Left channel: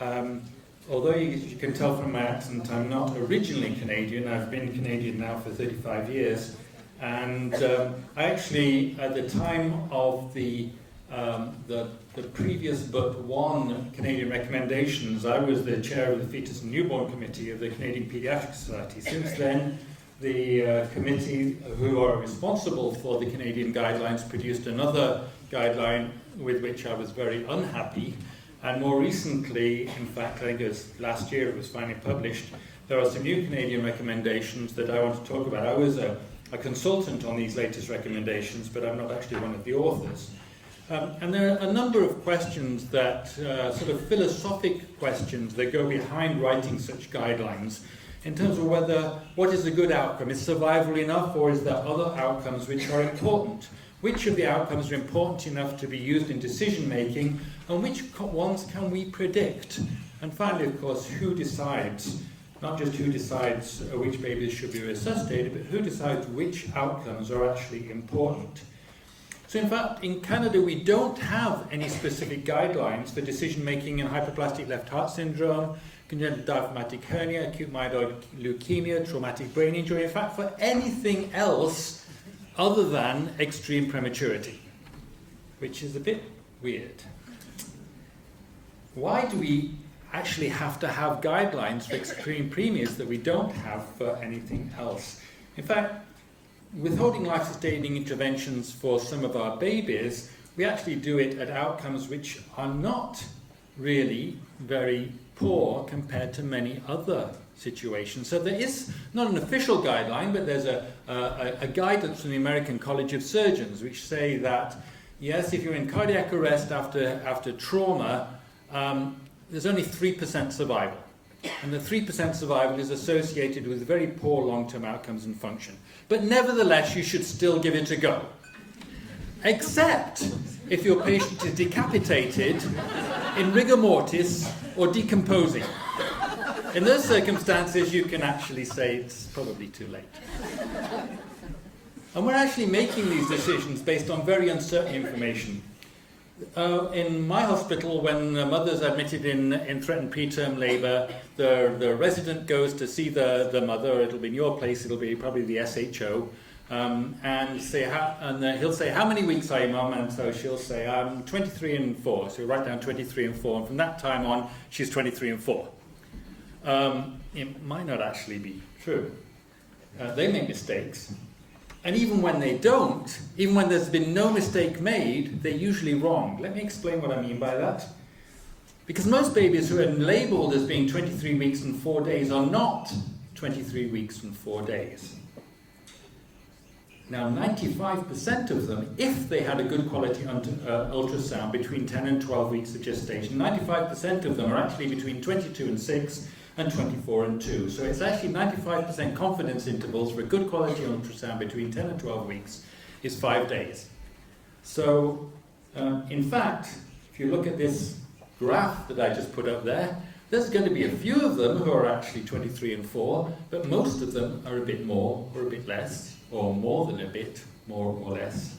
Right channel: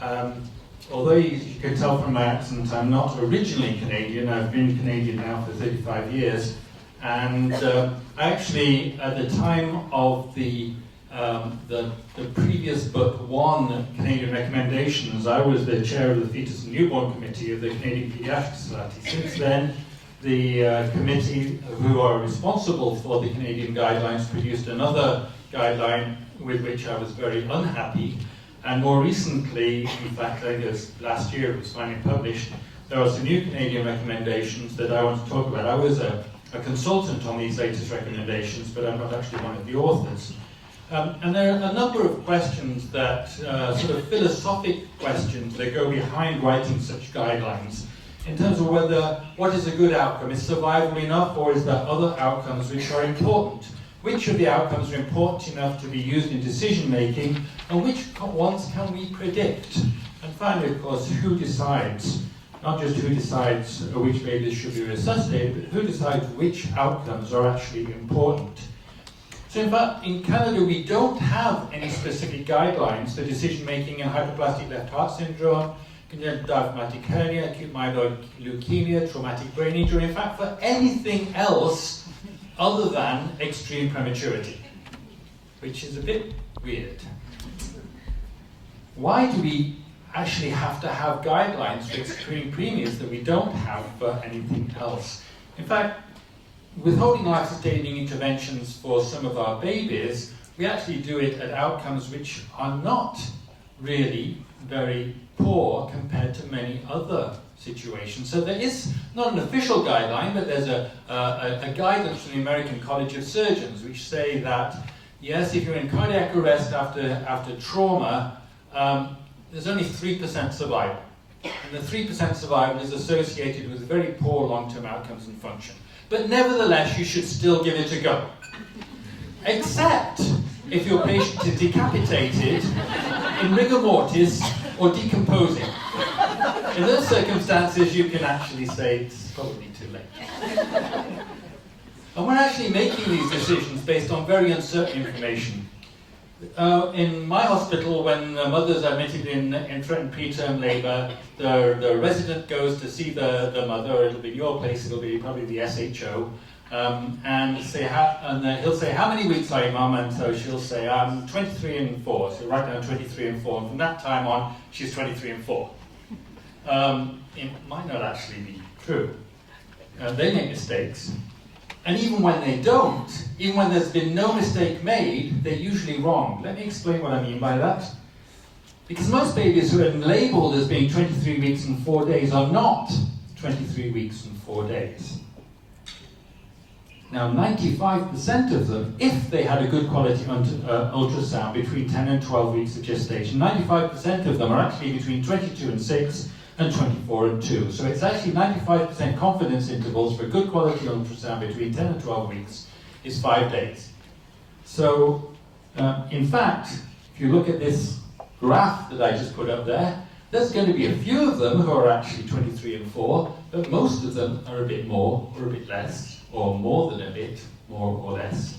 Although you can tell from my accent, I'm not originally Canadian. I've been Canadian now for 35 years. And I actually, at the time of the previous but one Canadian recommendations, I was the chair of the Fetus and Newborn Committee of the Canadian Pediatric Society. Since then, the committee who are responsible for the Canadian guidelines produced another guideline with which I was very unhappy. And more recently, in fact, I think it was last year it was finally published, there are some new Canadian recommendations that I want to talk about. I was a consultant on these latest recommendations, but I'm not actually one of the authors. And there are a number of questions that, sort of philosophic questions that go behind writing such guidelines in terms of whether, what is a good outcome? Is survival enough, or is there other outcomes which are important? Which of the outcomes are important enough to be used in decision making, and which ones can we predict? And finally, of course, who decides, not just who decides which babies should be resuscitated, but who decides which outcomes are actually important? So in fact, in Canada, we don't have any specific guidelines for decision making in hypoplastic left heart syndrome, congenital diaphragmatic hernia, acute myeloid leukemia, traumatic brain injury, in fact, for anything else other than extreme prematurity, which is a bit weird. Why do we actually have to have guidelines for extreme premiums that we don't have for anything else? In fact, withholding life-sustaining interventions for some of our babies, we actually do it at outcomes which are not really very poor compared to many other situations. So there is not an official guideline, but there's a guidance from the American College of Surgeons which say that, yes, if you're in cardiac arrest after trauma, there's only 3% survival. And the 3% survival is associated with very poor long-term outcomes and function. But nevertheless, you should still give it a go. Except if your patient is decapitated, in rigor mortis, or decomposing. In those circumstances, you can actually say it's probably too late. And we're actually making these decisions based on very uncertain information. In my hospital, when the mother's admitted in threatened preterm labour, the resident goes to see the mother. It'll be in your place, it'll be probably the SHO, and he'll say, how many weeks are you, Mum? And so she'll say, I'm 23 and 4. So you write down 23 and 4, and from that time on, she's 23 and 4. It might not actually be true. They make mistakes. And even when they don't, even when there's been no mistake made, they're usually wrong. Let me explain what I mean by that. Because most babies who are labelled as being 23 weeks and 4 days are not 23 weeks and 4 days. Now, 95% of them, if they had a good quality ultrasound between 10 and 12 weeks of gestation, 95% of them are actually between 22 and 6 and 24 and 2. So it's actually 95% confidence intervals for a good quality ultrasound between 10 and 12 weeks is 5 days. So, in fact, if you look at this graph that I just put up there, there's going to be a few of them who are actually 23 and 4, but most of them are a bit more or a bit less, or more than a bit, more or less.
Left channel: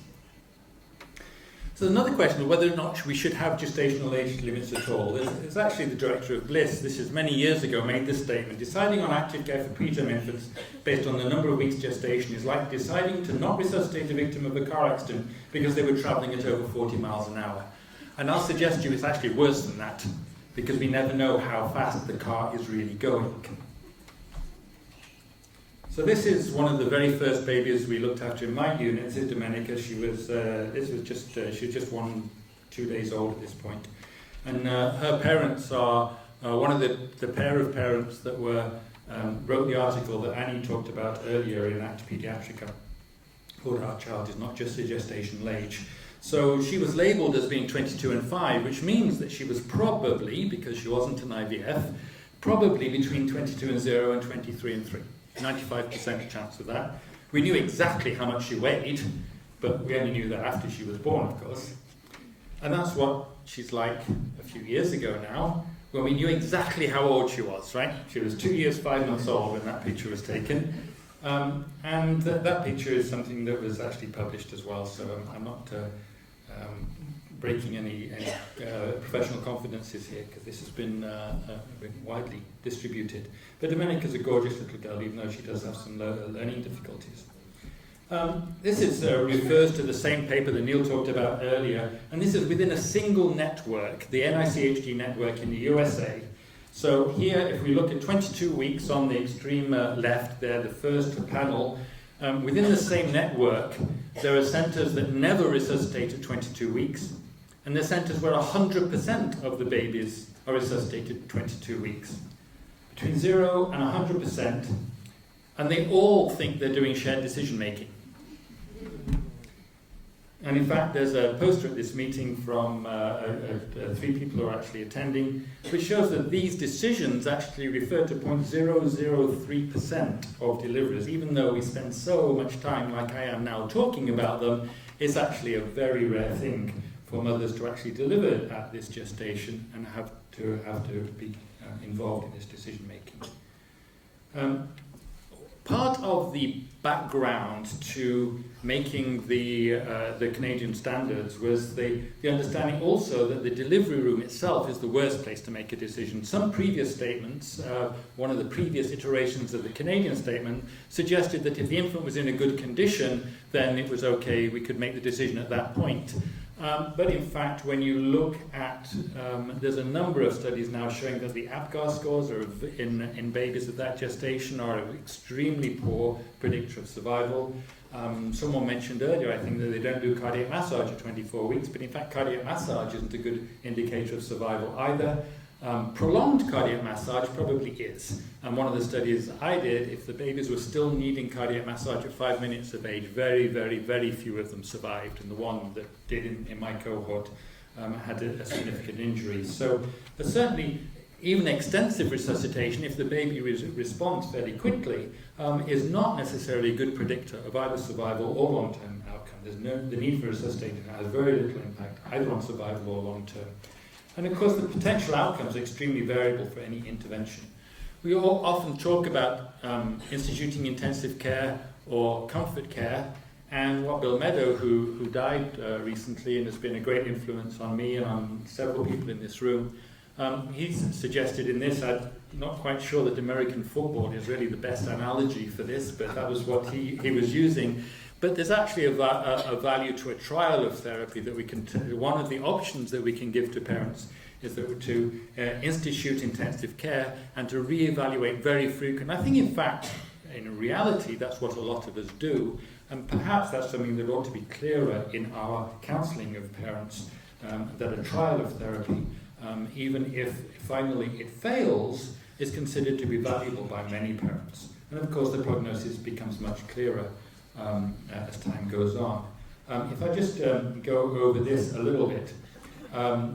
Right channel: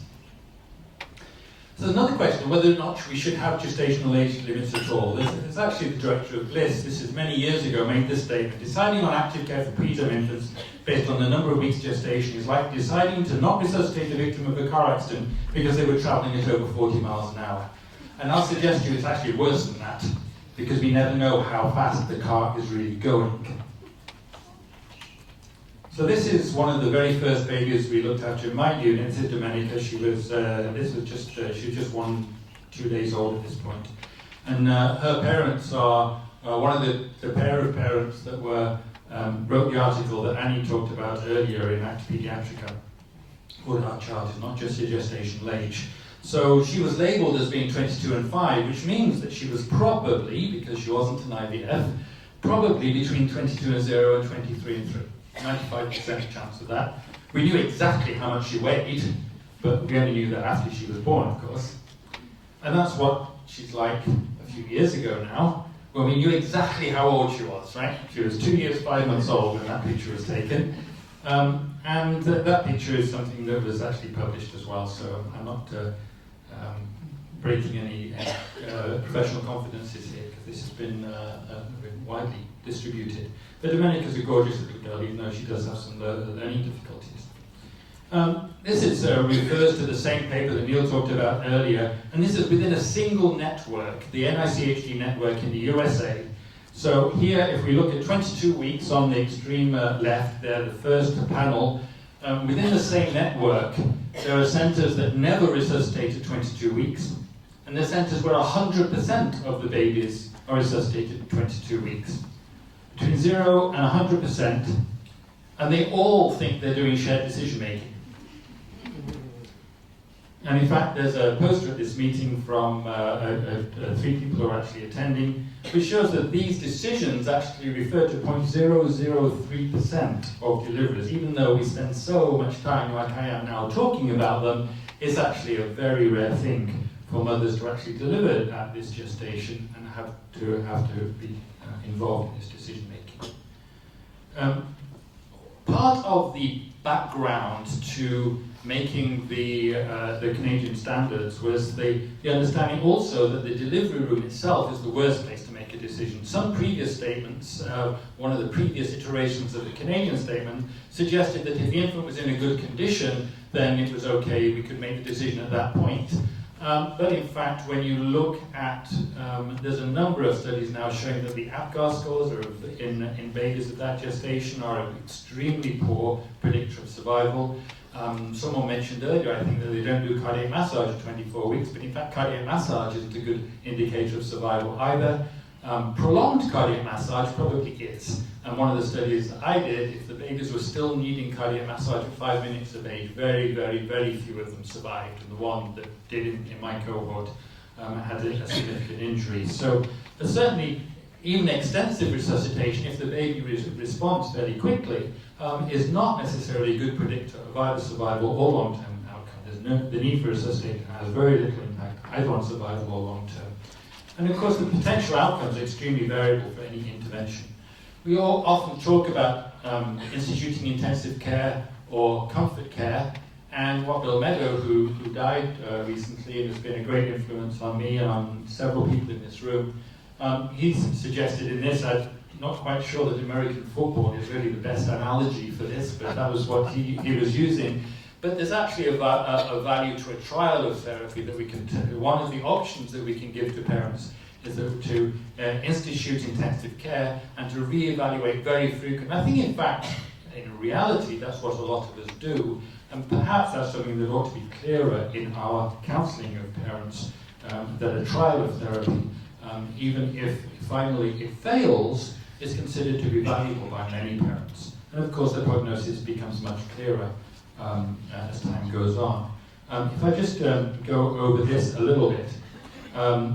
So there's another question of whether or not we should have gestational age limits at all. There's actually the director of Bliss, this is many years ago, made this statement: deciding on active care for preterm infants based on the number of weeks gestation is like deciding to not resuscitate a victim of a car accident because they were travelling at over 40 miles an hour. And I'll suggest to you it's actually worse than that, because we never know how fast the car is really going. So this is one of the very first babies we looked after in my unit, Sid Domenica. She was just 2 days old at this point. And her parents are one of the pair of parents that wrote the article that Annie talked about earlier in Acta Pediatrica. Called Our Child is Not Just a Gestational Age. So she was labelled as being 22 and 5, which means that she was probably, because she wasn't an IVF, probably between 22 and 0 and 23 and 3. 95% chance of that. We knew exactly how much she weighed, but we only knew that after she was born, of course. And that's what she's like a few years ago now, when we knew exactly how old she was, right? She was 2 years, 5 months old when that picture was taken. And that picture is something that was actually published as well, so I'm not breaking any professional confidences here, because this has been widely distributed. But Domenica's a gorgeous little girl, even though she does have some learning difficulties. This refers to the same paper that Neil talked about earlier, and this is within a single network, the NICHD network in the USA. So here, if we look at 22 weeks on the extreme left there, the first panel, within the same network, there are centres that never resuscitate at 22 weeks, and there are centres where 100% of the babies are resuscitated at 22 weeks. Between 0 and 100%, and they all think they're doing shared decision making. And in fact, there's a poster at this meeting from 3 people who are actually attending, which shows that these decisions actually refer to 0.003% of deliveries. Even though we spend so much time, like I am now, talking about them, it's actually a very rare thing for mothers to actually deliver at this gestation and have to be involved in this decision making. Part of the background to making the Canadian standards was the understanding also that the delivery room itself is the worst place to make a decision. Some previous statements, one of the previous iterations of the Canadian statement, suggested that if the infant was in a good condition, then it was okay, we could make the decision at that point. But in fact, when you look at, there's a number of studies now showing that the APGAR scores in babies at that gestation are an extremely poor predictor of survival. Someone mentioned earlier, I think, that they don't do cardiac massage at 24 weeks, but in fact cardiac massage isn't a good indicator of survival either. Prolonged cardiac massage probably is. And one of the studies I did, if the babies were still needing cardiac massage at 5 minutes of age, very, very, very few of them survived. And the one that did in my cohort had a significant injury. So certainly, even extensive resuscitation, if the baby responds fairly quickly, is not necessarily a good predictor of either survival or long-term outcome. The need for resuscitation has very little impact either on survival or long-term. And of course, the potential outcomes are extremely variable for any intervention. We all often talk about instituting intensive care or comfort care, and what Bill Meadow, who died recently and has been a great influence on me and on several people in this room, he's suggested in this, I'm not quite sure that American football is really the best analogy for this, but that was what he was using. But there's actually a value to a trial of therapy that we can, one of the options that we can give to parents is to institute intensive care and to reevaluate very frequently. I think in fact, in reality, that's what a lot of us do, and perhaps that's something that ought to be clearer in our counselling of parents, that a trial of therapy, even if finally it fails, is considered to be valuable by many parents. And of course the prognosis becomes much clearer as time goes on. If I just go over this a little bit,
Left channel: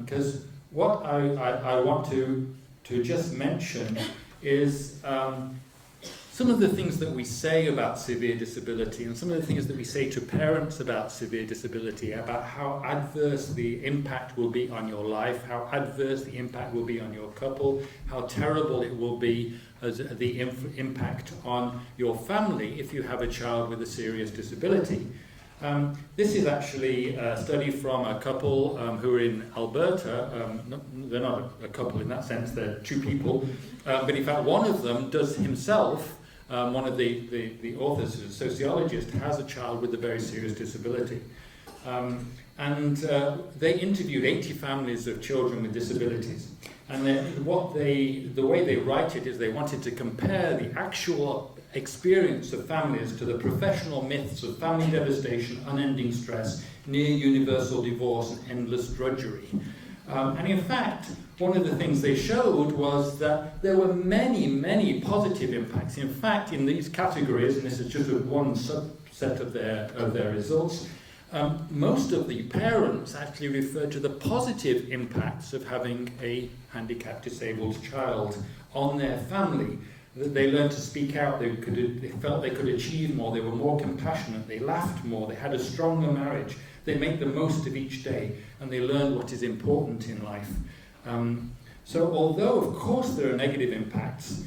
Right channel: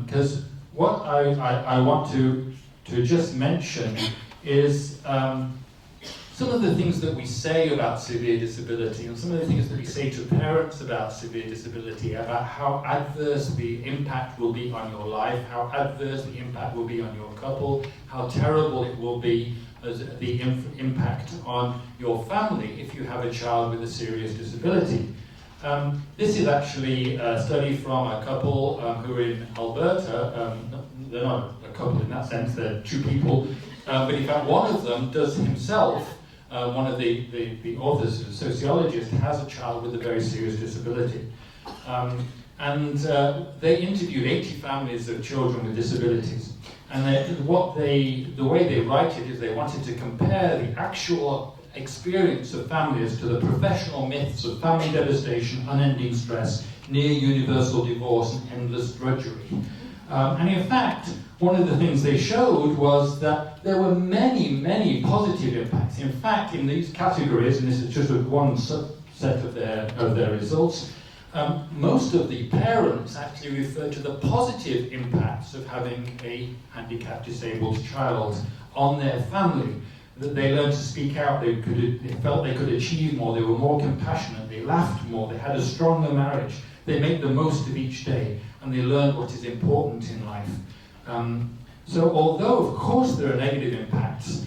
because what I want to just mention is some of the things that we say about severe disability and some of the things that we say to parents about severe disability, about how adverse the impact will be on your life, how adverse the impact will be on your couple, how terrible it will be as the impact on your family if you have a child with a serious disability. This is actually a study from a couple who are in Alberta. They're not a couple in that sense, they're 2 people, but in fact one of them does himself, one of the authors, a sociologist, has a child with a very serious disability. And they interviewed 80 families of children with disabilities. And the way they write it is they wanted to compare the actual experience of families to the professional myths of family devastation, unending stress, near universal divorce, and endless drudgery. And in fact, one of the things they showed was that there were many, many positive impacts. In fact, in these categories, and this is just one subset of their results, most of the parents actually referred to the positive impacts of having a handicapped, disabled child on their family. That they learned to speak out, they felt they could achieve more, they were more compassionate, they laughed more, they had a stronger marriage, they made the most of each day, and they learned what is important in life. So although, of course, there are negative impacts,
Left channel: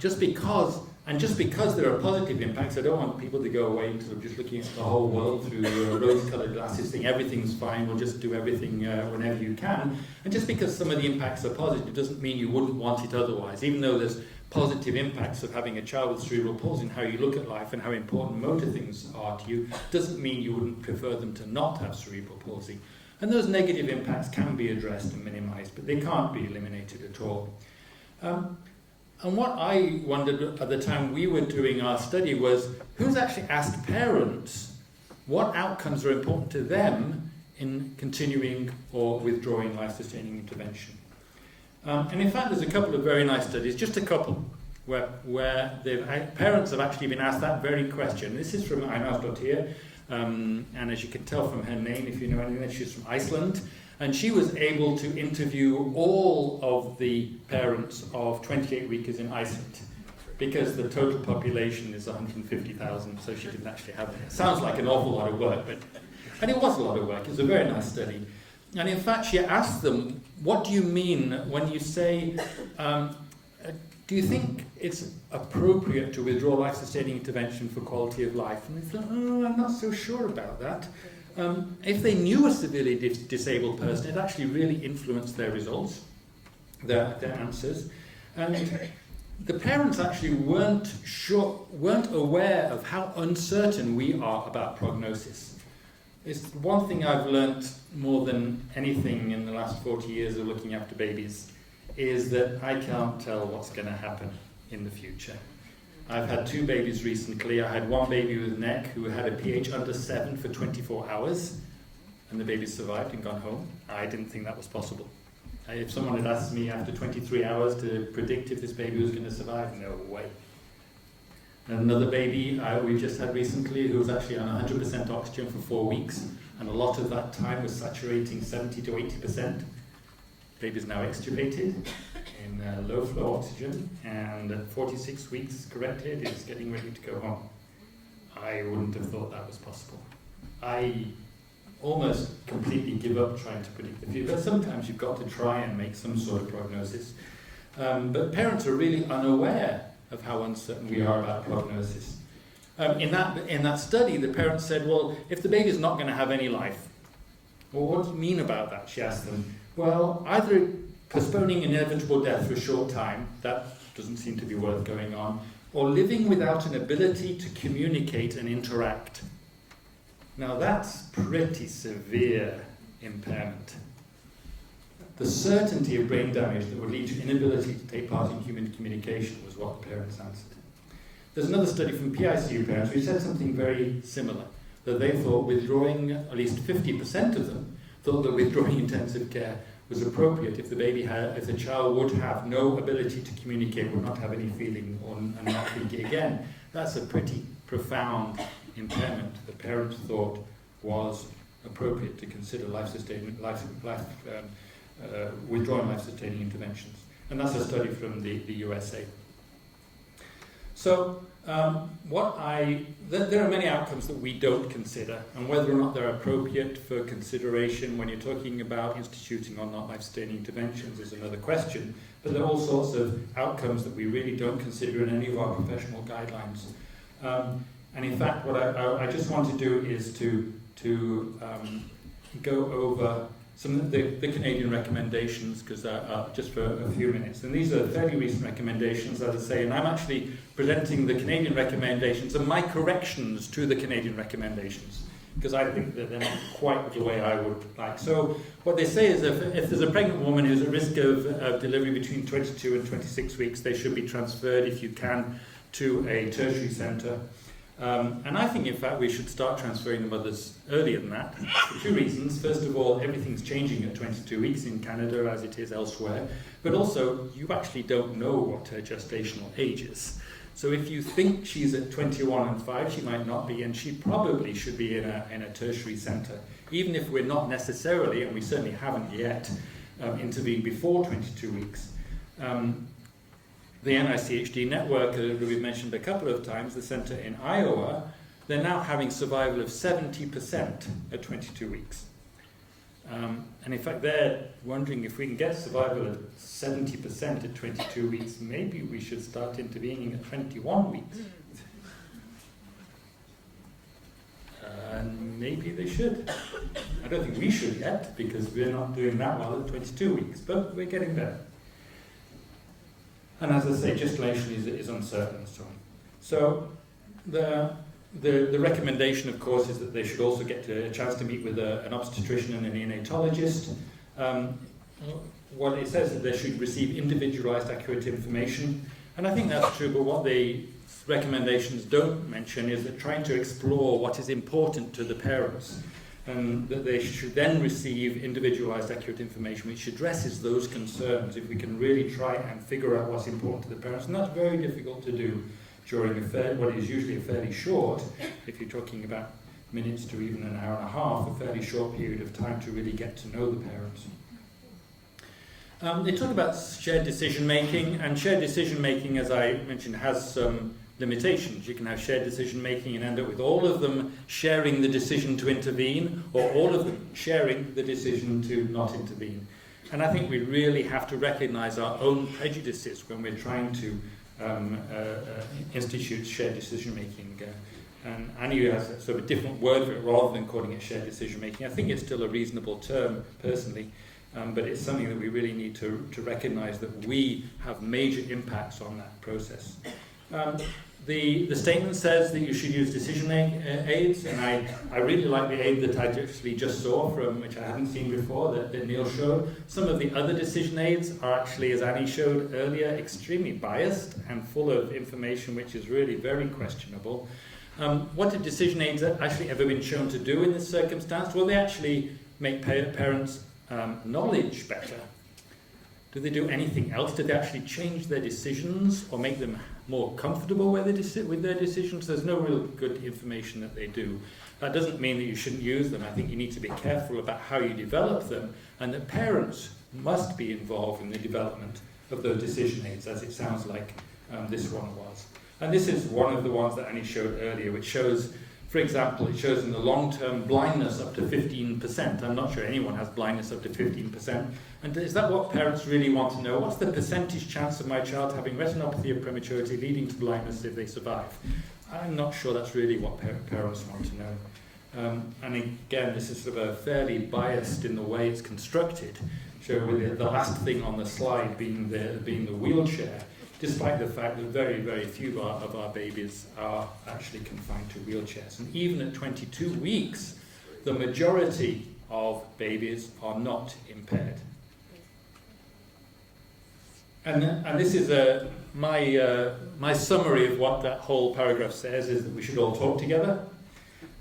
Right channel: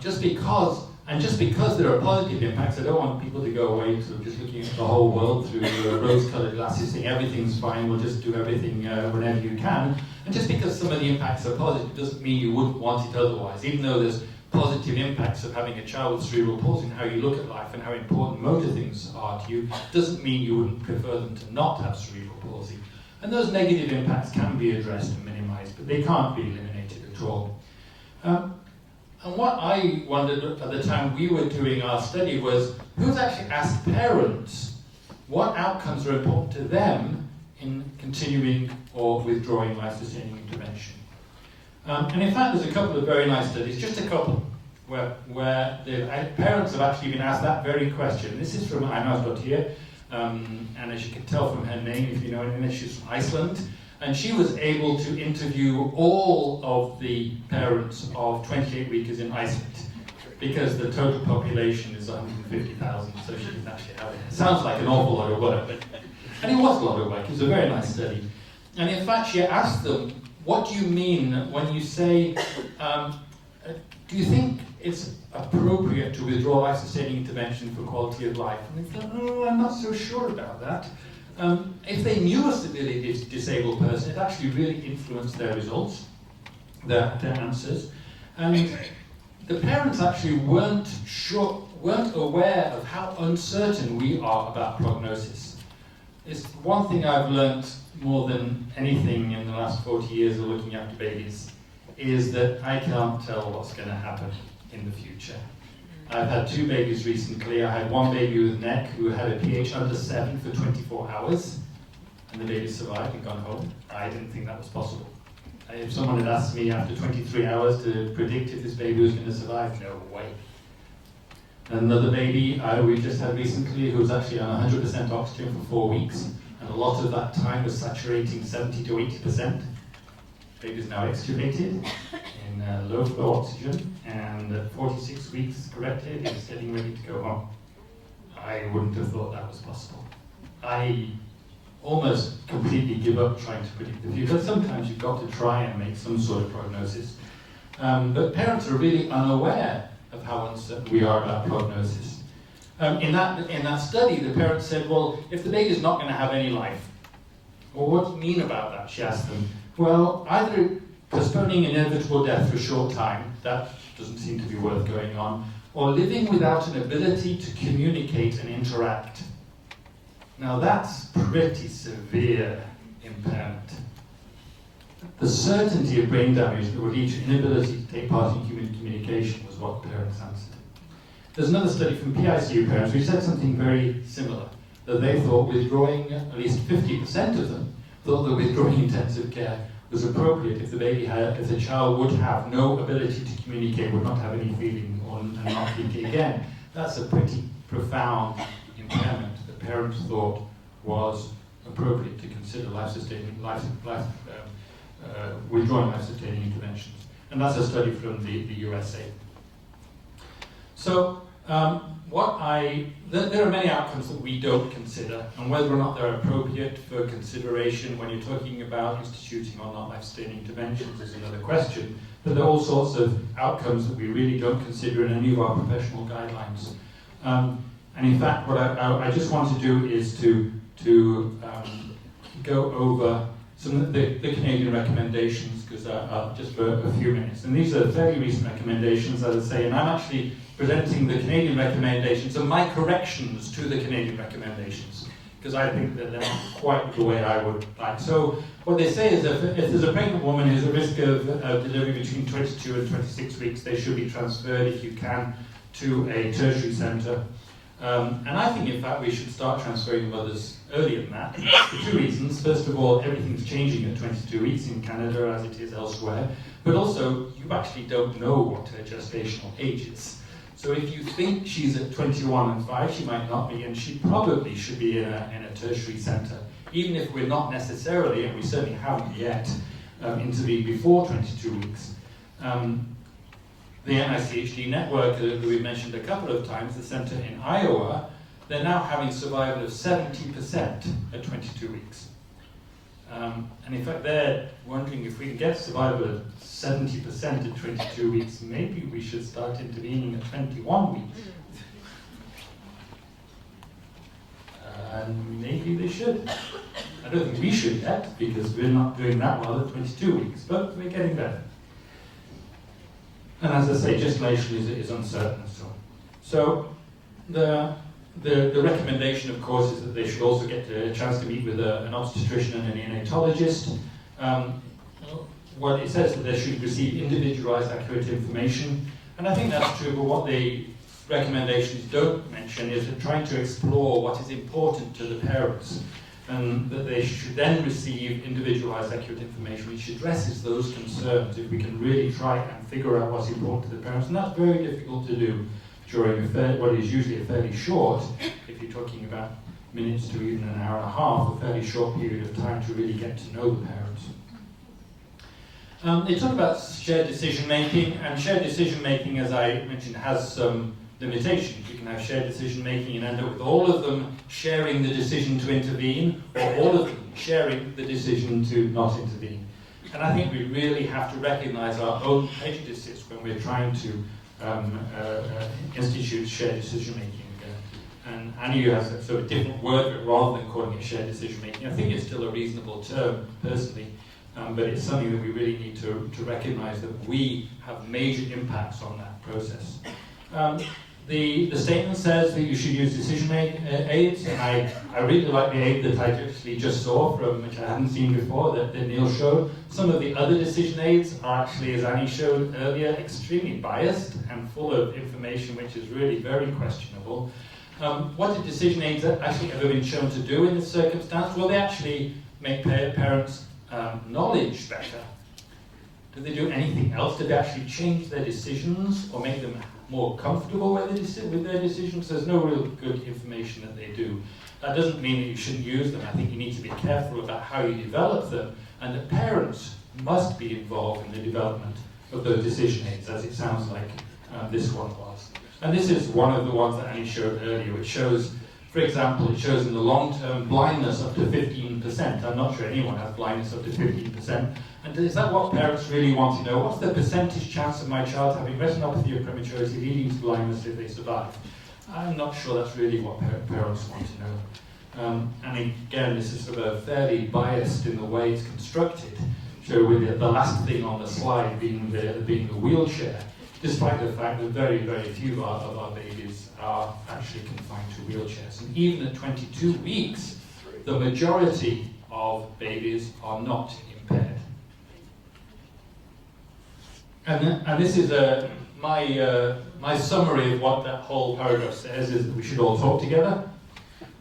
just because And just because there are positive impacts, I don't want people to go away sort of just looking at the whole world through rose-coloured glasses, saying everything's fine, we'll just do everything whenever you can. And just because some of the impacts are positive doesn't mean you wouldn't want it otherwise, even though there's positive impacts of having a child with cerebral palsy and how you look at life and how important motor things are to you, doesn't mean you wouldn't prefer them to not have cerebral palsy. And those negative impacts can be addressed and minimised, but they can't be eliminated at all. And what I wondered at the time we were doing our study was, who's actually asked parents what outcomes are important to them in continuing or withdrawing life-sustaining intervention? And in fact, there's a couple of very nice studies, just a couple, where parents have actually been asked that very question. This is from Einar here, and as you can tell from her name, if you know anything, she's from Iceland. And she was able to interview all of the parents of 28-weekers in Iceland, because the total population is 150,000, so she didn't actually have it. It sounds like an awful lot of work, and it was a lot of work. It was a very nice study. And in fact, she asked them, what do you mean when you say, do you think it's appropriate to withdraw life-sustaining intervention for quality of life? And they thought, oh, I'm not so sure about that. If they knew a severely disabled person, it actually really influenced their results, their answers. And the parents actually weren't aware of how uncertain we are about prognosis. It's one thing I've learnt more than anything in the last 40 years of looking after babies, is that I can't tell what's going to happen in the future. I've had 2 babies recently. I had one baby with neck who had a pH under 7 for 24 hours, and the baby survived and gone home. I didn't think that was possible. If someone had asked me after 23 hours to predict if this baby was going to survive, no way. Another baby we just had recently who was actually on 100% oxygen for 4 weeks, and a lot of that time was saturating 70 to 80%. Baby is now extubated in low flow oxygen, and at 46 weeks corrected, is getting ready to go home. I wouldn't have thought that was possible. I almost completely give up trying to predict the future, but sometimes you've got to try and make some sort of prognosis. But parents are really unaware of how uncertain we are about prognosis. In that study, the parents said, well, if the baby's not going to have any life, well, what do you mean about that? She asked them. Well, either postponing inevitable death for a short time, that doesn't seem to be worth going on, or living without an ability to communicate and interact. Now that's pretty severe impairment. The certainty of brain damage that would lead to inability to take part in human communication was what the parents answered. There's another study from PICU parents who said something very similar, that they thought withdrawing, at least 50% of them, thought that withdrawing intensive care was appropriate if the child would have no ability to communicate, would not have any feeling, and not think again. That's a pretty profound impairment that parents thought was appropriate to consider withdrawing life-sustaining interventions. And that's a study from the USA. So there are many outcomes that we don't consider, and whether or not they're appropriate for consideration when you're talking about instituting or not life-sustaining interventions is another question. But there are all sorts of outcomes that we really don't consider in any of our professional guidelines. And in fact, what I just want to do is to go over some of the Canadian recommendations, because just for a few minutes. And these are fairly recent recommendations, as I say, and I'm actually presenting the Canadian recommendations and my corrections to the Canadian recommendations, because I think that they're not quite the way I would like. So what they say is that if there's a pregnant woman who's at risk of delivery between 22 and 26 weeks, they should be transferred, if you can, to a tertiary centre. And I think, in fact, we should start transferring mothers earlier than that, for 2 reasons. First of all, everything's changing at 22 weeks in Canada as it is elsewhere, but also you actually don't know what her gestational age is. So if you think she's at 21 and 5, she might not be, and she probably should be in a tertiary centre, even if we're not necessarily, and we certainly haven't yet, intervened before 22 weeks. The NICHD network, that we've mentioned a couple of times, the centre in Iowa, they're now having survival of 70% at 22 weeks. And in fact, they're wondering if we can get survival at 70% at 22 weeks, maybe we should start intervening at 21 weeks. And maybe they should. I don't think we should yet, because we're not doing that well at 22 weeks, but we're getting better. And as I say, gestation is uncertain and so on. So the recommendation, of course, is that they should also get a chance to meet with an obstetrician and a neonatologist. What it says is that they should receive individualized, accurate information. And I think that's true, but what the recommendations don't mention is that trying to explore what is important to the parents, and that they should then receive individualized, accurate information which addresses those concerns if we can really try and figure out what's important to the parents. And that's very difficult to do during what is usually a fairly short, if you're talking about minutes to even an hour and a half, a fairly short period of time to really get to know the parents. They talk about shared decision making, and shared decision making, as I mentioned, has some limitations. You can have shared decision making and end up with all of them sharing the decision to intervene, or all of them sharing the decision to not intervene. And I think we really have to recognize our own prejudices when we're trying to institute shared decision making. And Annie has a sort of different word for it rather than calling it shared decision making. I think it's still a reasonable term, personally, but it's something that we really need to recognize that we have major impacts on that process. The statement says that you should use decision aids, and I really like the aid that I actually just saw, from which I hadn't seen before, that Neil showed. Some of the other decision aids are actually, as Annie showed earlier, extremely biased and full of information which is really very questionable. What did decision aids actually ever been shown to do in this circumstance? Well, they actually make parents' knowledge better. Did they do anything else? Did they actually change their decisions or make them more comfortable with their decisions? There's no real good information that they do. That doesn't mean that you shouldn't use them. I think you need to be careful about how you develop them, and that parents must be involved in the development of those decision aids, as it sounds like this one was. And this is one of the ones that Annie showed earlier, which shows, for example, it shows in the long-term blindness up to 15%. I'm not sure anyone has blindness up to 15%. And is that what parents really want to know? What's the percentage chance of my child having retinopathy of prematurity leading to blindness if they survive? I'm not sure that's really what parents want to know. And again, this is sort of fairly biased in the way it's constructed. So with the last thing on the slide being the wheelchair, despite the fact that very, very few of our babies are actually confined to wheelchairs. And even at 22 weeks, the majority of babies are not impaired. And this is my summary of what that whole paragraph says, is that we should all talk together,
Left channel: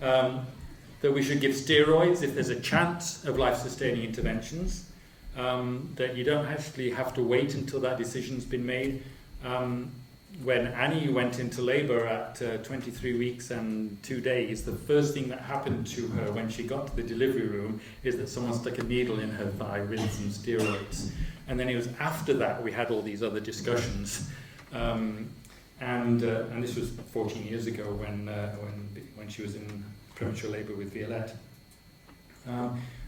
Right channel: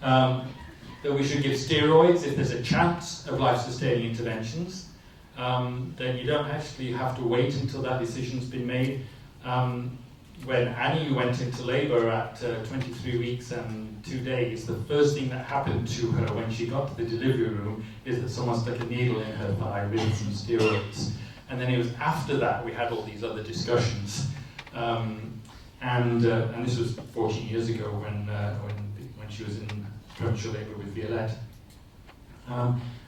that we should give steroids if there's a chance of life-sustaining interventions, that you don't actually have to wait until that decision's been made. When Annie went into labour at 23 weeks and 2 days, the first thing that happened to her when she got to the delivery room is that someone stuck a needle in her thigh with some steroids. And then it was after that we had all these other discussions. And this was 14 years ago when she was in premature labour with Violette.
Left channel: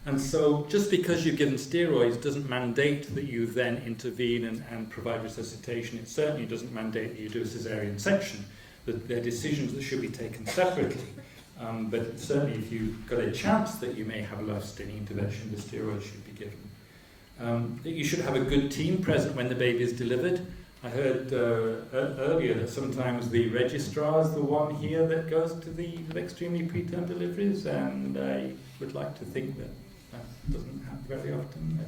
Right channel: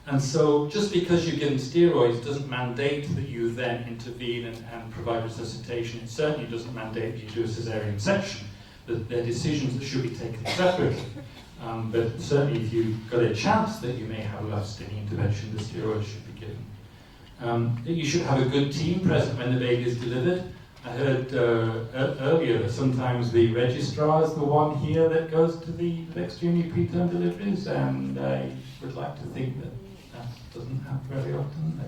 And so just because you're given steroids doesn't mandate that you then intervene and provide resuscitation. It certainly doesn't mandate that you do a caesarean section. That they're decisions that should be taken separately. But certainly if you've got a chance that you may have life-sustaining intervention, the steroids should be given. That you should have a good team present when the baby is delivered. I heard earlier that sometimes the registrar is the one here that goes to the extremely preterm deliveries, and I would like to think that doesn't happen very often.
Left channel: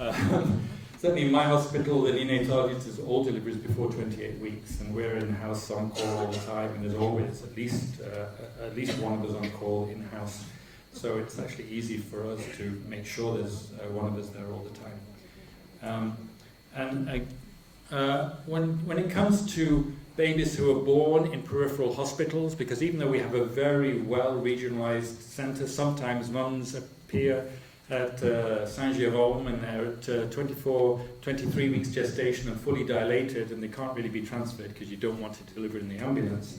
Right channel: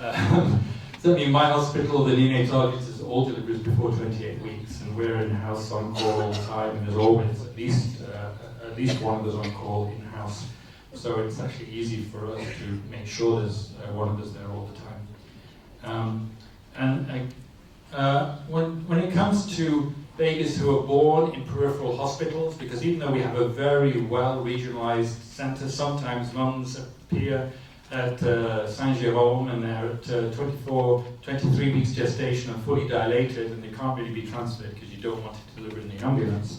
I don't know. Certainly in my hospital, the neonatologist is all deliveries before 28 weeks, and we're in-house on call all the time, and there's always at least one of us on call in-house. So it's actually easy for us to make sure there's one of us there all the time. When it comes to babies who are born in peripheral hospitals, because even though we have a very well regionalized centre, sometimes mums appear at Saint-Jérôme and they're at 23 weeks gestation and fully dilated, and they can't really be transferred because you don't want it delivered in the ambulance.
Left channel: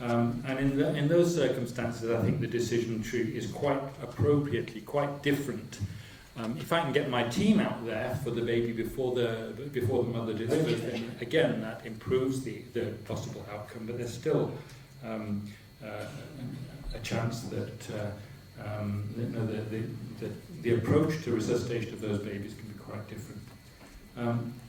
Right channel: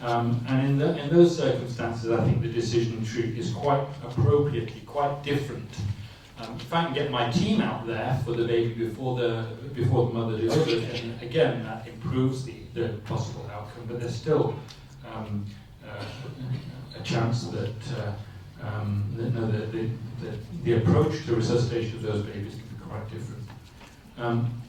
And in those circumstances, I think the decision tree is quite appropriately quite different. If I can get my team out there for the baby before the mother does it, then again that improves the possible outcome. But there's still a chance that the approach to resuscitation of those babies can be quite different.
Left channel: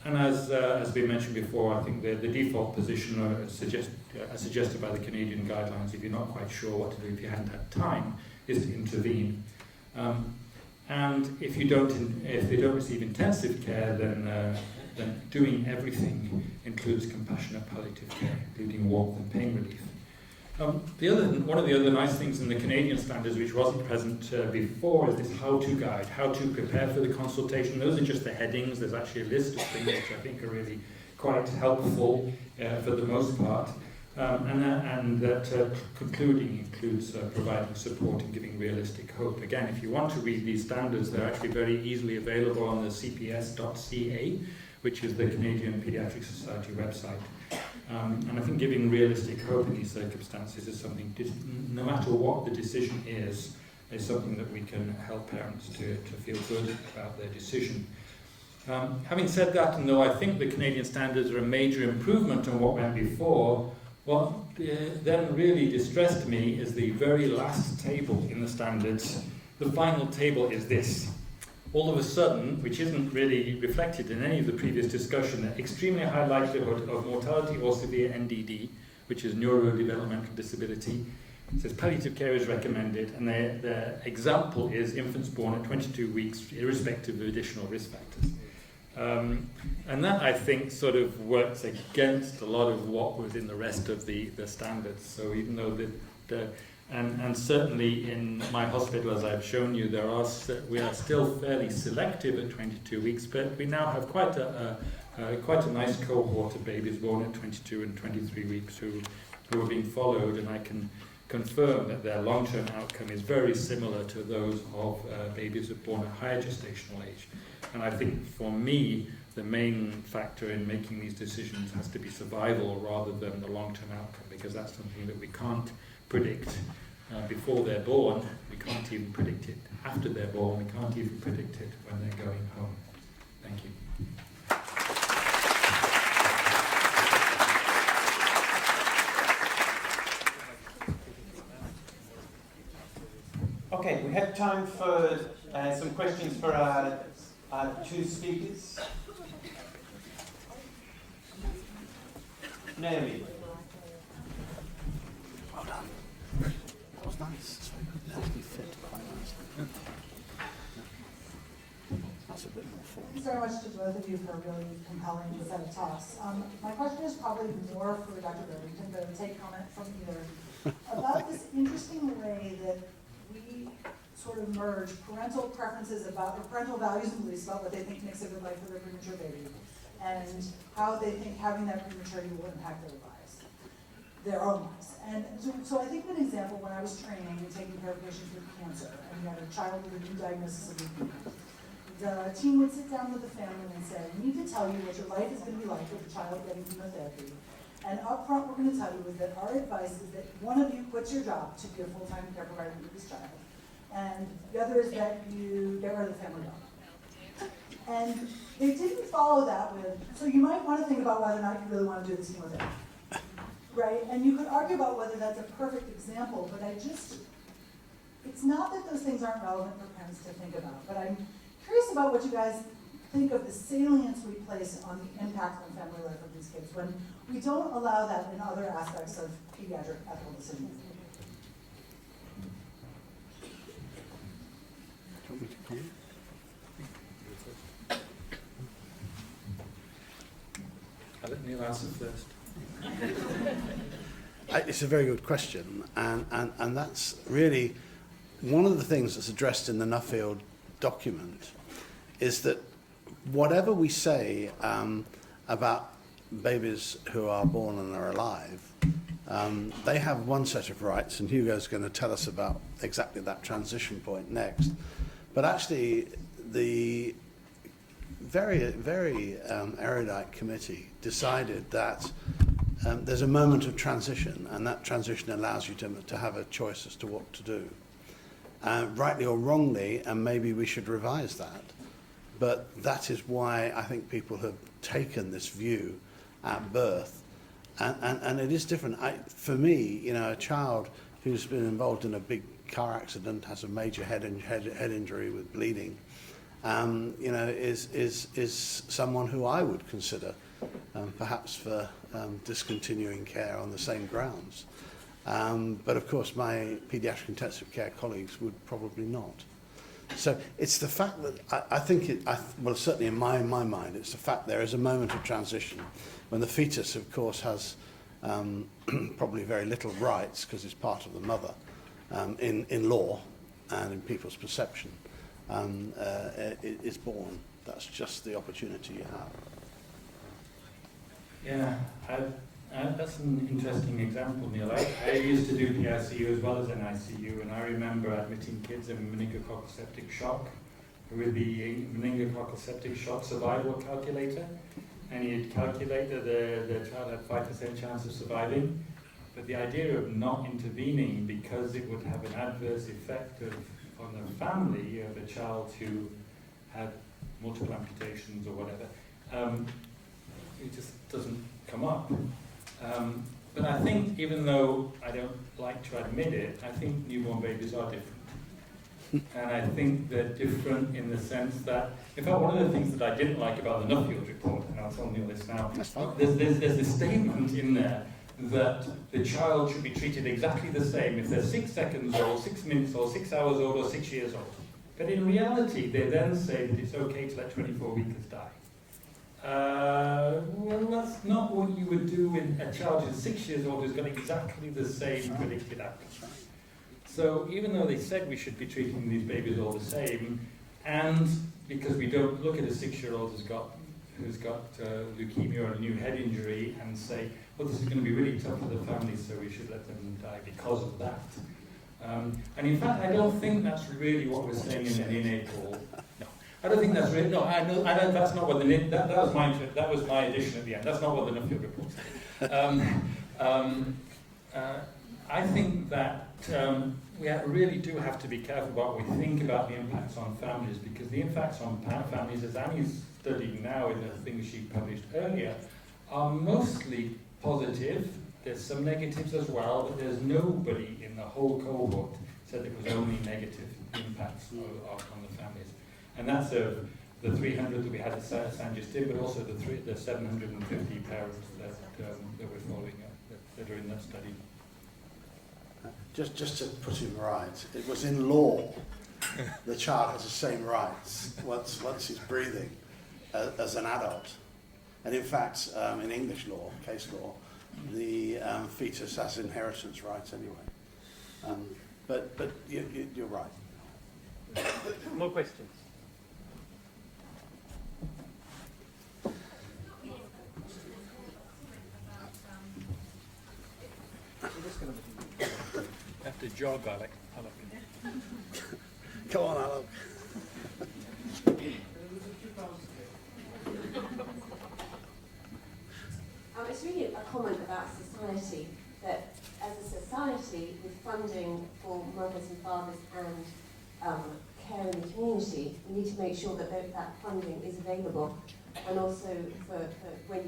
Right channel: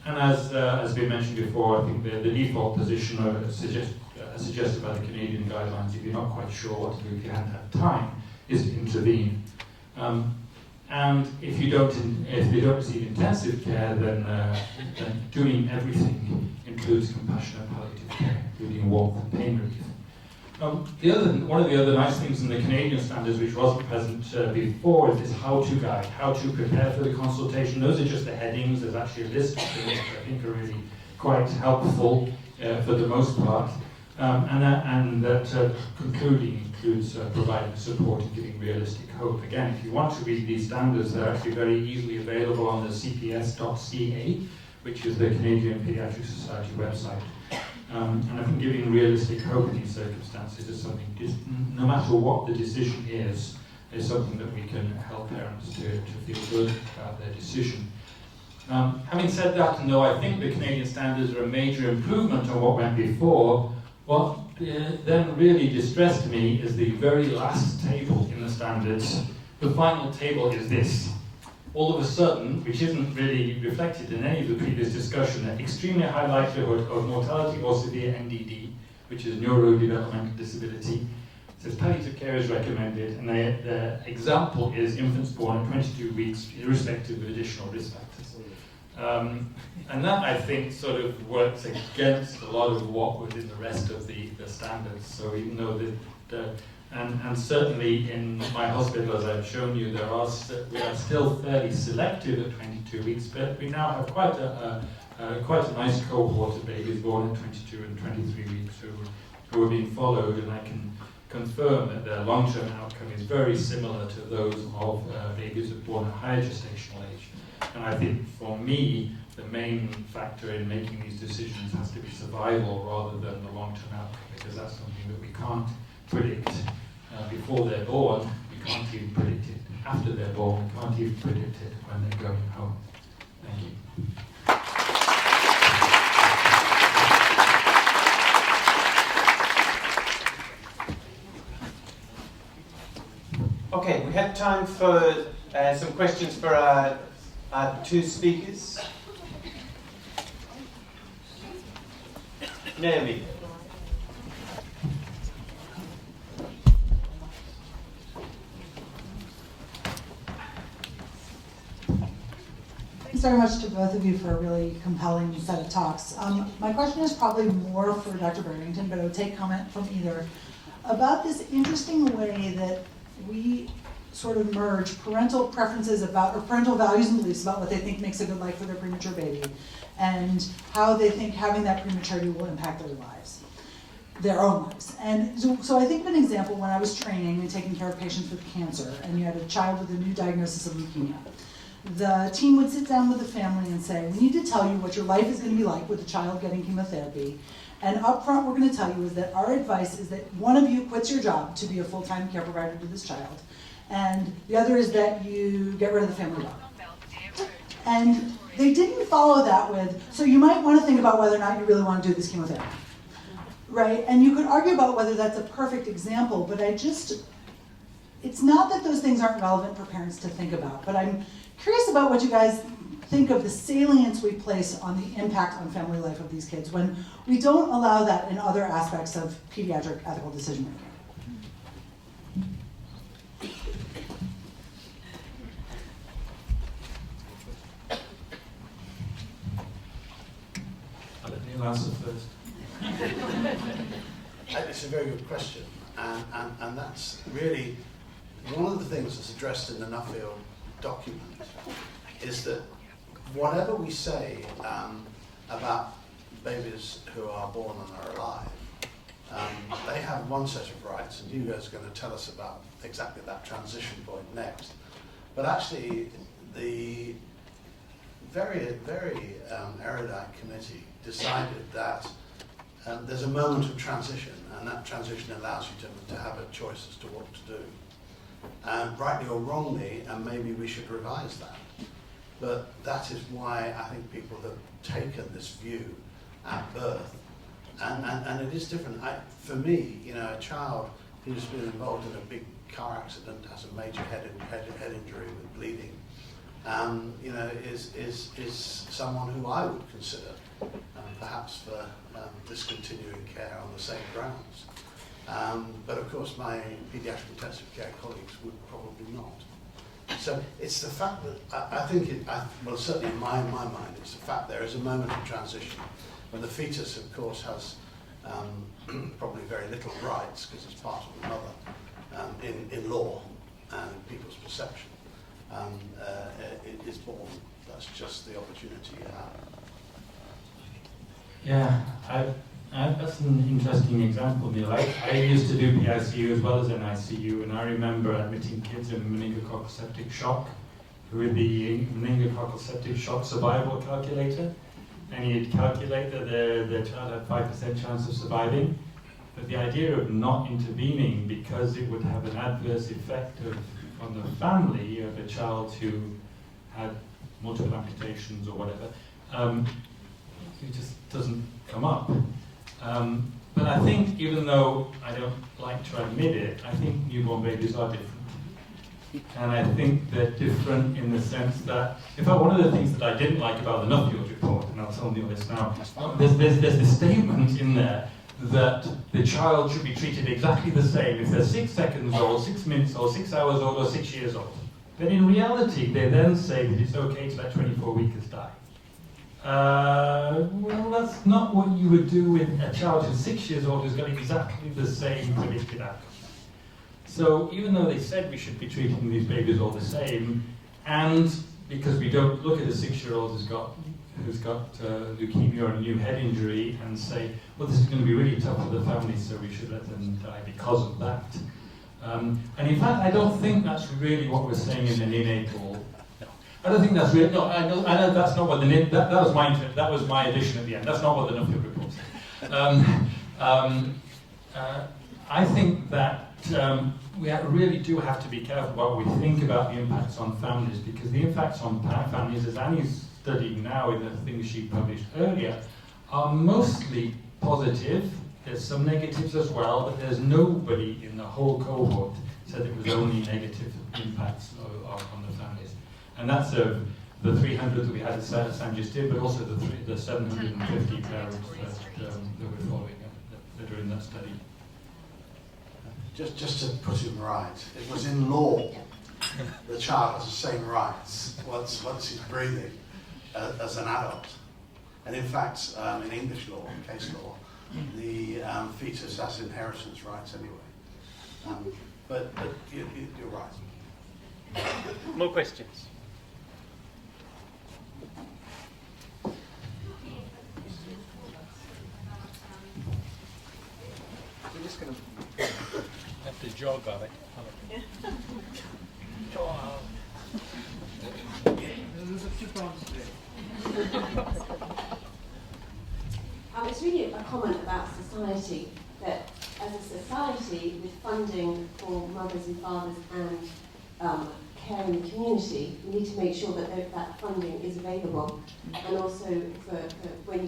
And as we mentioned before, I think the default position suggested by the Canadian guidelines, if you're not quite sure what to do, if you haven't had time, is to intervene. And if they don't receive intensive care, then doing everything includes compassionate palliative care, including warmth and pain relief. One of the other nice things in the Canadian standards, which wasn't present before, is this how-to guide, how to prepare for the consultation. Those are just the headings. There's actually a list of things which I think are really quite helpful for the most part. And that concluding includes providing support and giving realistic hope. Again, if you want to read these standards, they're actually very easily available on the cps.ca, which is the Canadian Pediatric Society website. And I think giving realistic hope in these circumstances is something, no matter what the decision is something that we can help parents to feel good about their decision. Having said that, and though I think the Canadian standards are a major improvement on what went before, what then really distressed me is the very last table in the standards. The final table is this. All of a sudden, which isn't really reflected in any of the previous discussion, an extremely high likelihood of mortality or severe NDD, which is neurodevelopmental disability. It says palliative care is recommended, and the example is infants born at 22 weeks, irrespective of additional risk factors. And that, I think, sort of works against a lot of what was in the rest of the standards. So even though and certainly in my hospital, as I've shown you, we are still fairly selective at 22 weeks, but we now have quite a nice cohort of babies born at 22 and 23 weeks who are being followed, and I can confirm that their long-term outcome is very similar to those of babies who are born at higher gestational age. And I think for me, the main factor in making these decisions has to be survival rather than the long-term outcome, because that's something that we can't predict before they're born. We can't even predict it after they're born. We can't even predict it when they're going home. Thank you. Okay, we have time for some questions for our two speakers. Naomi. Thanks very much to both of you for a really compelling set of talks. My question is probably more for Dr. Barrington, but I would take comment from either, about this interesting way that we sort of merge parental preferences about, or parental values and beliefs about what they think makes a good life for their premature baby, and how they think having that prematurity will impact their lives, their own lives. And so I think of an example when I was training and taking care of patients with cancer, and you had a child with a new diagnosis of leukemia. The team would sit down with the family and say, we need to tell you what your life is going to be like with a child getting chemotherapy. And up front, we're going to tell you is that our advice is that one of you quits your job to be a full-time care provider to this child, and the other is that you get rid of the family dog. And they didn't follow that with, so you might want to think about whether or not you really want to do this chemotherapy, right? And you could argue about whether that's a perfect example, but it's not that those things aren't relevant for parents to think about, but I'm curious about what you guys think of the salience we place on the impact on family life of these kids when we don't allow that in other aspects of pediatric ethical decision making. I'll let Neil answer first. It's a very good question, and that's really one of the things that's addressed in the Nuffield document, is that whatever we say about babies who are born and are alive, they have one set of rights, and Hugo's going to tell us about exactly that transition point next. But actually, the very, very erudite committee decided that there's a moment of transition, and that transition allows you to have a choice as to what to do. Rightly or wrongly, and maybe we should revise that, but that is why I think people have taken this view at birth, and it is different. For me, you know, a child who's been involved in a big car accident, has a major head injury with bleeding, you know, is someone who I would consider perhaps for discontinuing care on the same grounds. But of course my paediatric intensive care colleagues would probably not. So it's the fact that I think well, certainly in my mind, it's the fact there is a moment of transition when the fetus, of course, has probably very little rights because it's part of the mother in law and in people's perception. It is born. That's just the opportunity you have. Yeah, that's an interesting example, Neil. I used to do PICU as well as NICU, and I remember admitting kids in meningococcal septic shock with the meningococcal septic shock survival calculator, and you'd calculate that the child had 5% chance of surviving. But the idea of not intervening because it would have an adverse effect on the family of a child who had multiple amputations or whatever, it just doesn't come up. But I think, even though I don't like to admit it, I think newborn babies are different. And I think they're different in the sense that, in fact, one of the things that I didn't like about the Nuffield report, and I'll tell you this now, there's this statement in there that the child should be treated exactly the same if they're 6 seconds old, 6 minutes old, 6 hours old, or 6 years old. But in reality, they then say that it's okay to let 24-weekers die. Well, that's not what you would do with a child who's 6 years old who's got exactly the same predicted outcome. So even though they said we should be treating these babies all the same, and because we don't look at a 6-year-old who's got leukemia or a new head injury and say, well, this is going to be really tough for the family, so we should let them die because of that. And in fact, I don't think that's really what we're saying in the neonatal. I don't think that's really, no, I know that's not what that was my addition at the end. That's not what the Nuffield report said. I think that we really do have to be careful what we think about the impacts on families, because the impacts on families, as Annie's studying now in the things she published earlier, are mostly positive. There's some negatives as well, but there's nobody in the whole cohort said it was only negative impacts on the families. And that's the 300 that we had at San Justin, but also the 750 parents that we're following that are in that study. Just to put it right, it was in law the child has the same rights once he's breathing as an adult. And in fact, in English law, case law, the fetus has inheritance rights anyway. But you're right. More questions? We're just going to have to jog, are we? Come on, Alan. There's a few problems today. It's really a comment about society, that as a society, with funding for mothers and fathers and care in the community, we need to make sure that that funding is available. And also for when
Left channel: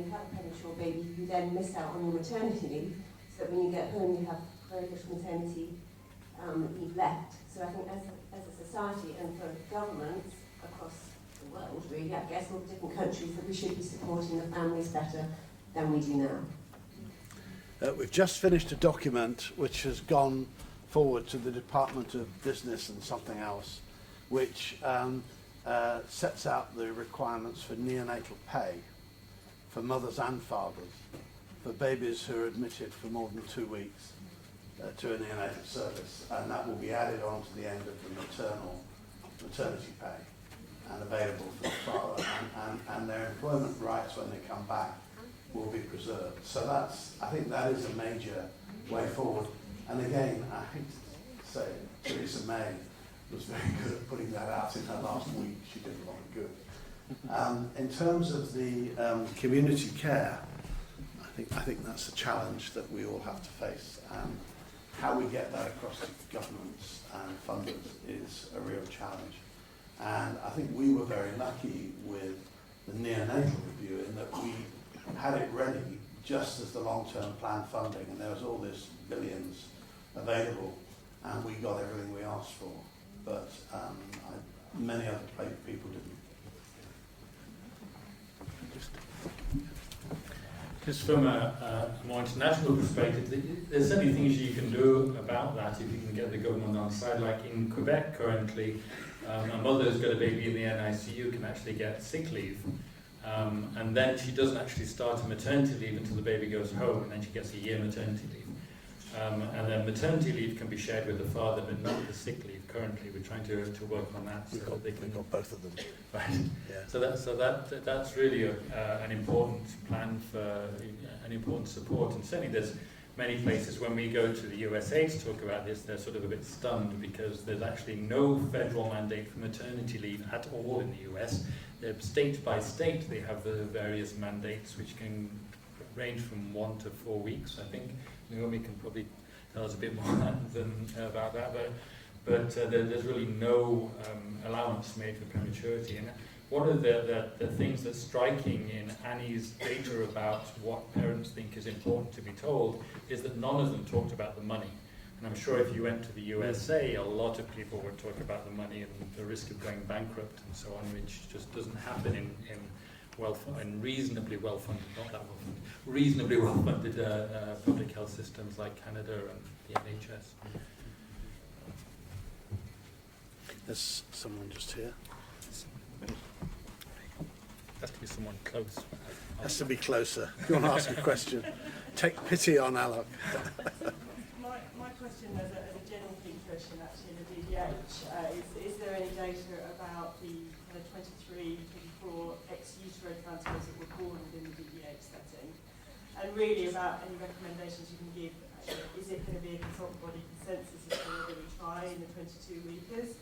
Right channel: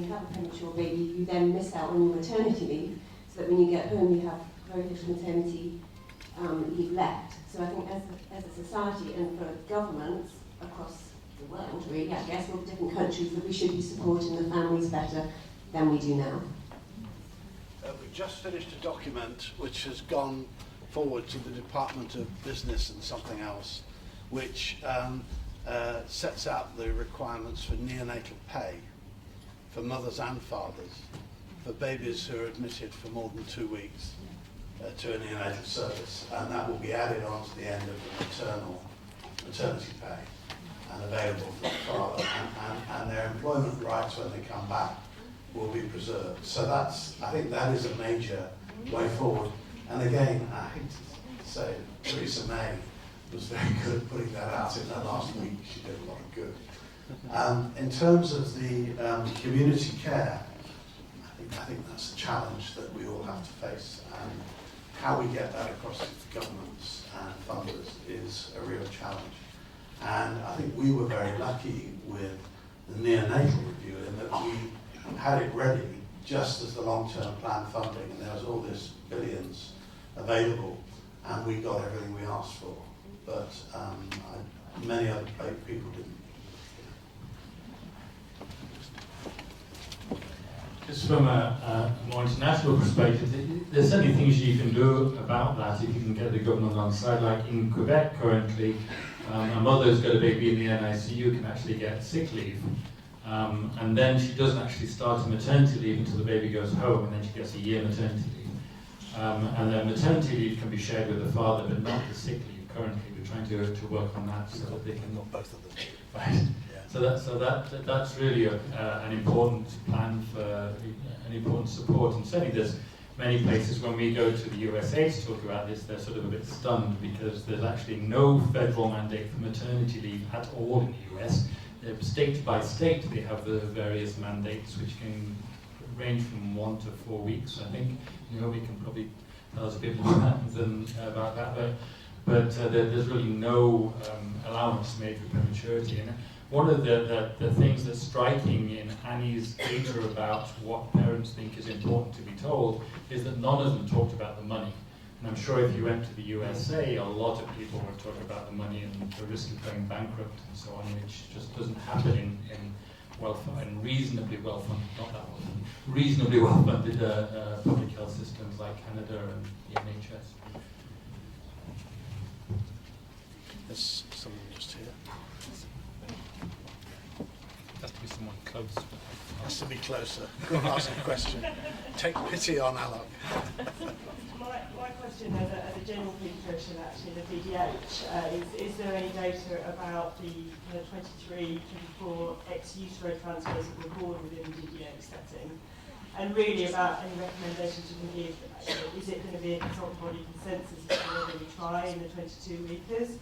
you have a premature baby, you then miss out on your maternity leave, so that when you get home you have very little maternity leave left. So I think as a society and for governments across the world, really, I guess, all the different countries, that we should be supporting the families better than we do now. We've just finished a document which has gone forward to the Department of Business and something else, which sets out the requirements for neonatal pay for mothers and fathers for babies who are admitted for more than 2 weeks to a neonatal service, and that will be added on to the end of the maternity pay and available for the father, and their employment rights when they come back will be preserved. So I think that is a major way forward. And again, I hate to say it, Theresa May was very good at putting that out in her last week. She did a lot of good. In terms of the community care, I think that's a challenge that we all have to face, and how we get that across governments and funders is a real challenge. And I think we were very lucky with the neonatal review in that we had it ready just as the long-term plan funding, and there was all this billions available, and we got everything we asked for. But many other people didn't. Just from a more international perspective, there's certainly things you can do about that if you can get the government on side. Like in Quebec currently, a mother who's got a baby in the NICU can actually get sick leave. And then she doesn't actually start a maternity leave until the baby goes home, and then she gets a year maternity leave. And then maternity leave can be shared with the father, but not the sick leave currently. We're trying to work on that so that they can... Not both of them. Right. Yeah. So that's really an important plan for an important support. And certainly there's many places when we go to the USA to talk about this, they're sort of a bit stunned because there's actually no federal mandate for maternity leave at all in the US. State by state, they have the various mandates which can range from 1 to 4 weeks. I think Naomi can probably tell us a bit more about that, but there's really no allowance made for prematurity. And one of the things that's striking in Annie's data about what parents think is important to be told is that none of them talked about the money. And I'm sure if you went to the USA, a lot of people were talking about the money and the risk of going bankrupt and so on, which just doesn't happen in reasonably well-funded, not that well-funded, reasonably well-funded public health systems like Canada and the NHS. There's someone just here. Has to be someone close. Has to be closer. Go and ask a question. Take pity on Alok. My question as a general pediatrician, actually, the DDH, is there any data about the 23, 24 ex-utero transfers that were born within the DDH setting? And really about any recommendations you can give, is it going to be a consultant body consensus as to whether we try in the 22 weekers,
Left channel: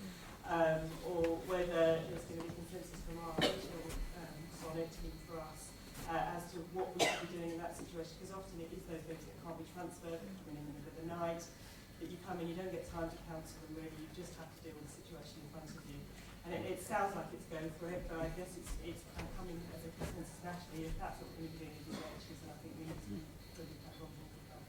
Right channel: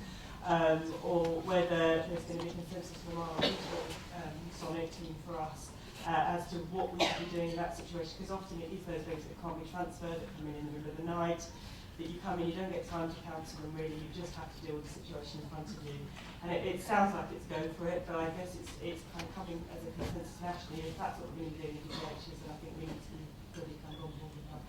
or whether there's going to be consensus from our original Sonic team for us as to what we should be doing in that situation, because often it is those babies that can't be transferred, that come in the middle of the night, that you come in, you don't get time to counsel them really, you just have to deal with the situation in front of you. And it sounds like it's go for it, but I guess it's kind of coming as a consensus nationally. If that's what we're going to do in the DHs, then I think we need to really kind of on board with that.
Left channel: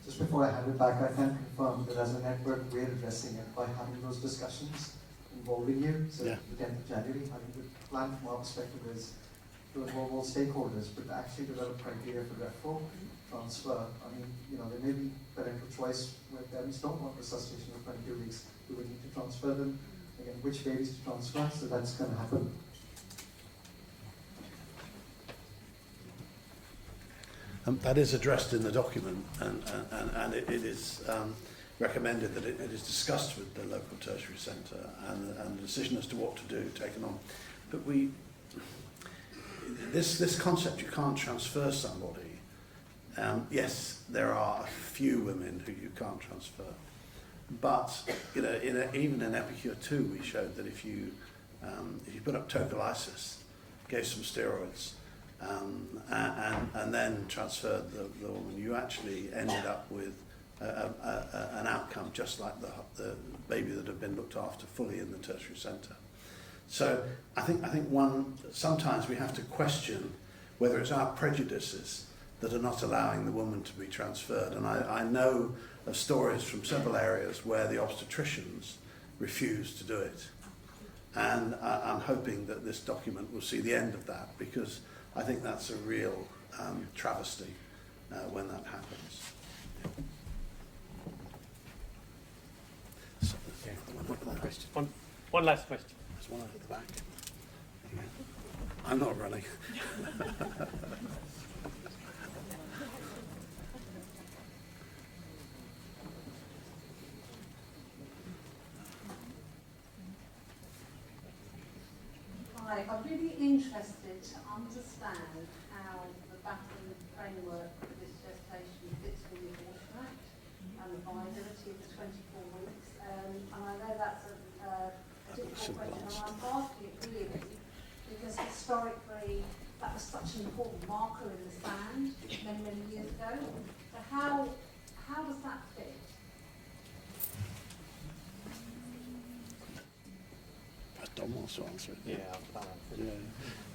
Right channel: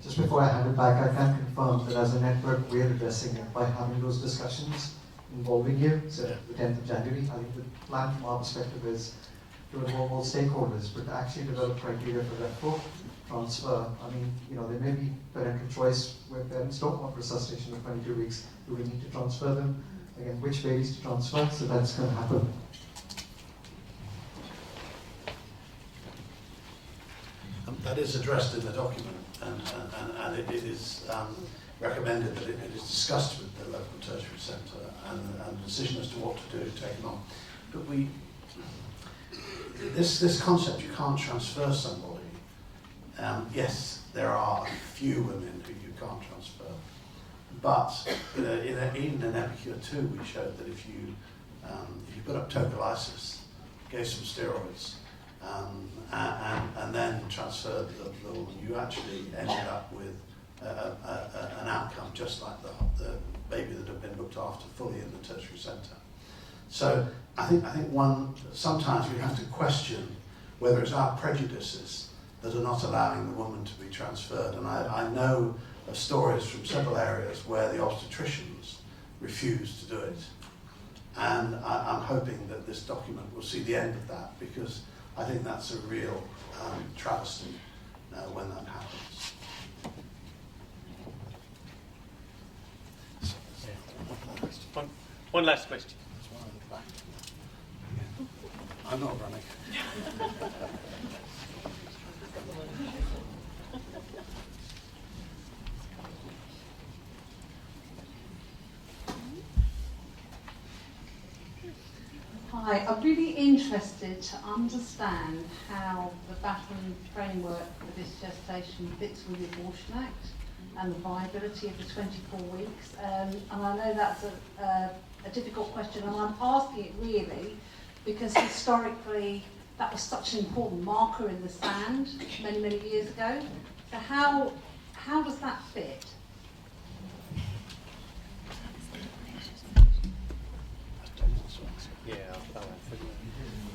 Just before I hand it back, I can confirm that as a network, we're addressing it by having those discussions involving you. So the 10th of January, I think the plan from our perspective is to involve all stakeholders, but to actually develop criteria for referral, transfer. I mean, there may be parental choice where parents don't want resuscitation in 22 weeks. Do we need to transfer them? Again, which babies to transfer? So that's going to happen. That is addressed in the document, and it is recommended that it is discussed with the local tertiary centre, and the decision as to what to do taken on. But this concept, you can't transfer somebody. Yes, there are a few women who you can't transfer, but even in Epicure 2, we showed that if you put up tocolysis, gave some steroids, and then transferred the woman, you actually ended up with an outcome just like the baby that had been looked after fully in the tertiary centre. So I think sometimes we have to question whether it's our prejudices that are not allowing the woman to be transferred. And I know of stories from several areas where the obstetricians refuse to do it. And I'm hoping that this document will see the end of that, because I think that's a real travesty when that happens. One last question. There's one at the back. I'm not running. Hi, I'm really interested to understand how the battling framework for this gestation fits with the Abortion Act and the viability of the 24 weeks. And I know that's a difficult question, and I'm asking it really because historically that was such an important marker in the sand many, many years ago. So how does that fit? Don wants to answer. Yeah,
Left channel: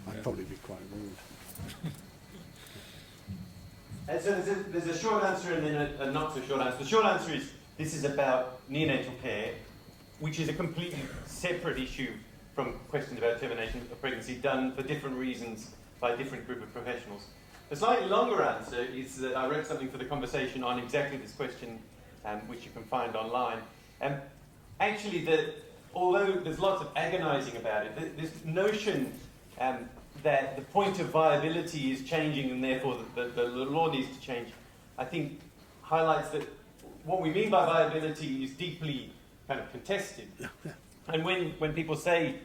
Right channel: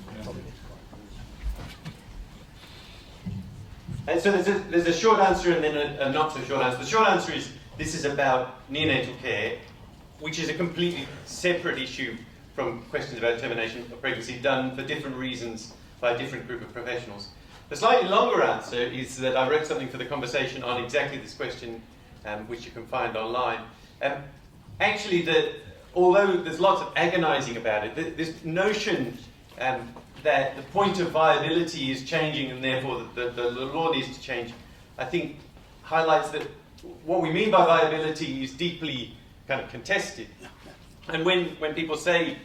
I'd probably be quite rude. And so there's a short answer and then a not so short answer. The short answer is this is about neonatal care, which is a completely separate issue from questions about termination of pregnancy done for different reasons by a different group of professionals. The slightly longer answer is that I wrote something for the conversation on exactly this question, which you can find online. Actually, although there's lots of agonizing about it, this notion that the point of viability is changing and therefore the law needs to change, I think highlights that what we mean by viability is deeply kind of contested. And when people say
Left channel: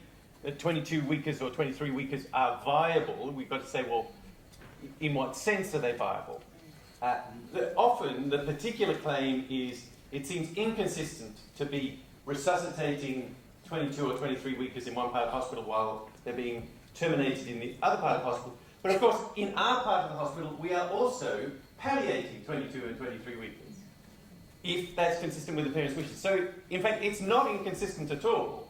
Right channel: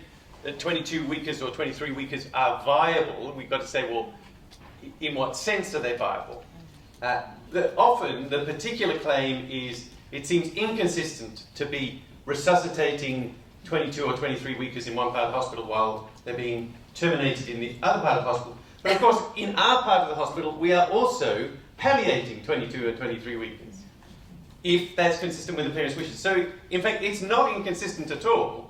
that 22 weekers or 23 weekers are viable, we've got to say, well, in what sense are they viable? Often the particular claim is it seems inconsistent to be resuscitating 22 or 23 weekers in one part of the hospital while they're being terminated in the other part of the hospital. But of course, in our part of the hospital, we are also palliating 22 or 23 weekers, if that's consistent with the parents' wishes. So, in fact, it's not inconsistent at all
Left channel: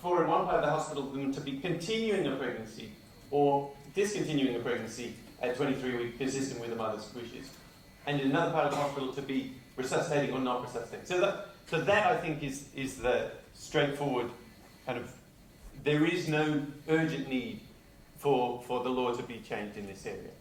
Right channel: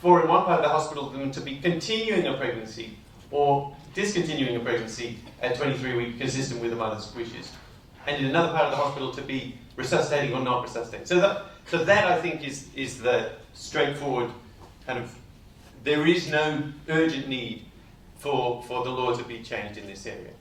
for in one part of the hospital them to be continuing a pregnancy or discontinuing a pregnancy at 23 weeks, consistent with the mother's wishes, and in another part of the hospital to be resuscitating or not resuscitating. So that I think is the straightforward kind of, there is no urgent need for the law to be changed in this area.